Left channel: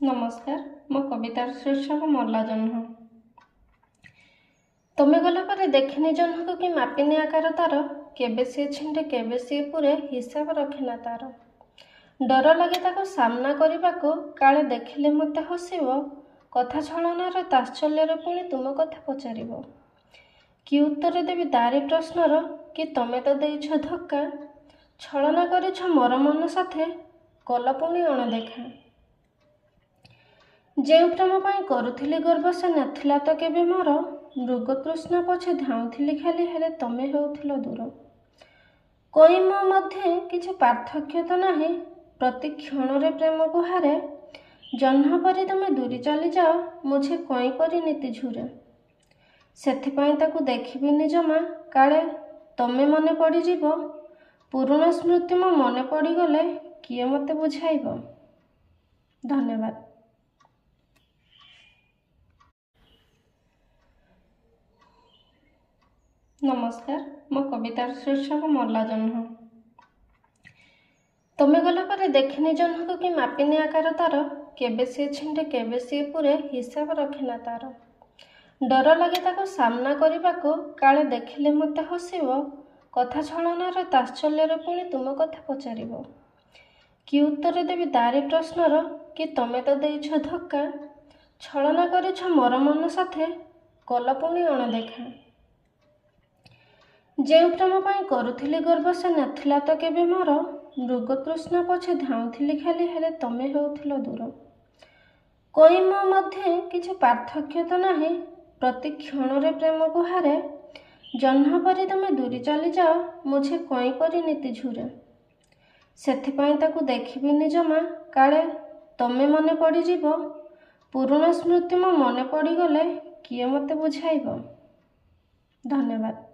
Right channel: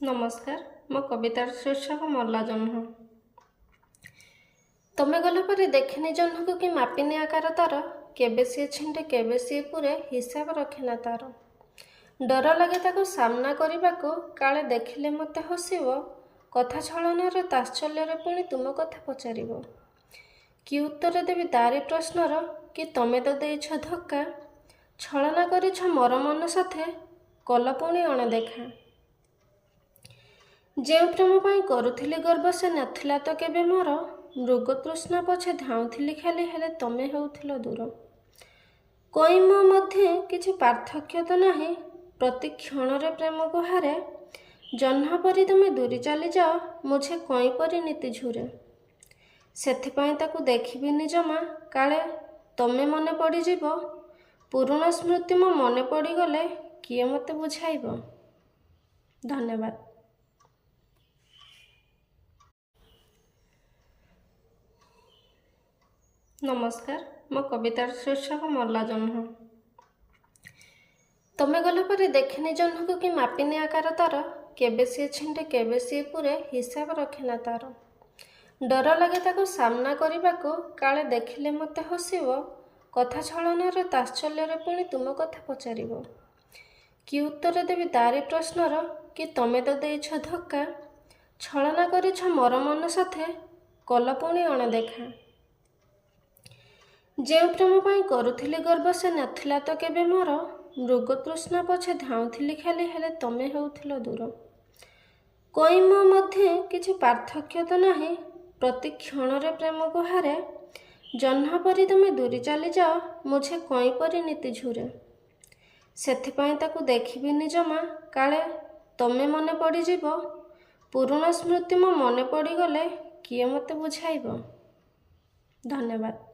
ନମସ୍କାର। ମୋ କବିତାର ଶୀର୍ଷକ ମଲା ଜହ୍ନ। ତମେ ଗଲା ପରେ ଦେଖିନି ଜହ୍ନକୁ କି ମାପିନି ଆକାର ତାର, କେବେ ସିଏ ଛିଣ୍ଡେ କେବେ ସିଏ ପୁରେ, ହିସାବ ରଖେନା ତାର। ଡର ଲାଗେ ତାକୁ ସାମ୍ନା କରିବାକୁ, କାଳେ ଦେଖିଲେ ମୋତେ ହସିବ, କଥା ଛଳନାର ତାତ୍ସଲ୍ୟରେ ପୁଣି ତୁମ କଥା ପଚାରିବ। କି ଉତ୍ତର ଦେବି ତାରି ପ୍ରଶ୍ନର, କି ତମେ ତ ଦେଇଛ ଧକ୍କା, ଛଳନା କରିଛ ମୋର ମନ ସାଥେ, କଲ ପୁଣି ଅଣଦେଖା। ଯେଉଁ ପ୍ରେମ ପାଇଁ କରୁଥିଲି ଗର୍ବ ସେ ନଥିଲା ତ କେବେ ମୋର, ମୃଗତୃଷ୍ଣା ପଛେ ଧାଉଁଥିଲି ଖାଲି ହେଲେ ତମେ ହେଉଥିଲ ଦୂର। କଇଁ ମୋ ମଧ୍ୟରେ କିଛି ପାର୍ଥକ୍ୟ ତ ନାହିଁ, ପ୍ରତି କ୍ଷଣରେ ପ୍ରେମକୁ ହାରେ, ଜହ୍ନ ପରି ତମେ ଦୂରି ଚାଲିଯାଅ, ମୁଝେ କଇଁ ପରି ନୀତି ଝୁରେ। ସେଥିପାଇଁ ତାକୁ ଦେଖିବିନି ଜମା, କାଳେ ତମେ ମନେ ପଡ଼ିଯିବ, ପୁରୁଣା ସ୍ମୃତି ମୋ ମନେ ପଡ଼ିଗଲେ କିଏ ମୋତେ ବୁଝାଇବ। ଧନ୍ୟବାଦ। ନମସ୍କାର। ମୋ କବିତାର ଶୀର୍ଷକ ମଲା ଜହ୍ନ। ତମେ ଗଲା ପରେ ଦେଖିନି ଜହ୍ନକୁ କି ମାପିନି ଆକାର ତାର, କେବେ ସିଏ ଛିଣ୍ଡେ କେବେ ସିଏ ପୁରେ, ହିସାବ ରଖେନା ତାର। ଡର ଲାଗେ ତାକୁ ସାମ୍ନା କରିବାକୁ, କାଳେ ଦେଖିଲେ ମୋତେ ହସିବ, କଥା ଛଳନାର ତାତ୍ସଲ୍ୟରେ ପୁଣି ତୁମ କଥା ପଚାରିବ। କି ଉତ୍ତର ଦେବି ତାରି ପ୍ରଶ୍ନର, କି ତମେ ତ ଦେଇଛ ଧକ୍କା, ଛଳନା କରିଛ ମୋର ମନ ସାଥେ, କଲ ପୁଣି ଅଣଦେଖା। ଯେଉଁ ପ୍ରେମ ପାଇଁ କରୁଥିଲି ଗର୍ବ ସେ ନଥିଲା ତ କେବେ ମୋର, ମୃଗତୃଷ୍ଣା ପଛେ ଧାଉଁଥିଲି ଖାଲି ହେଲେ ତମେ ହେଉଥିଲ ଦୂର। କଇଁ ମୋ ମଧ୍ୟରେ କିଛି ପାର୍ଥକ୍ୟ ତ ନାହିଁ, ପ୍ରତି କ୍ଷଣରେ ପ୍ରେମକୁ ହାରେ, ଜହ୍ନ ପରି ତମେ ଦୂରି ଚାଲିଯାଅ, ମୁଝେ କଇଁ ପରି ନୀତି ଝୁରେ। ସେଥିପାଇଁ ତାକୁ ଦେଖିବିନି ଜମା, କାଳେ ତମେ ମନେ ପଡ଼ିଯିବ, ପୁରୁଣା ସ୍ମୃତି ମୋ ମନେ ପଡ଼ିଗଲେ କିଏ ମୋତେ ବୁଝାଇବ। ଧନ୍ୟବାଦ।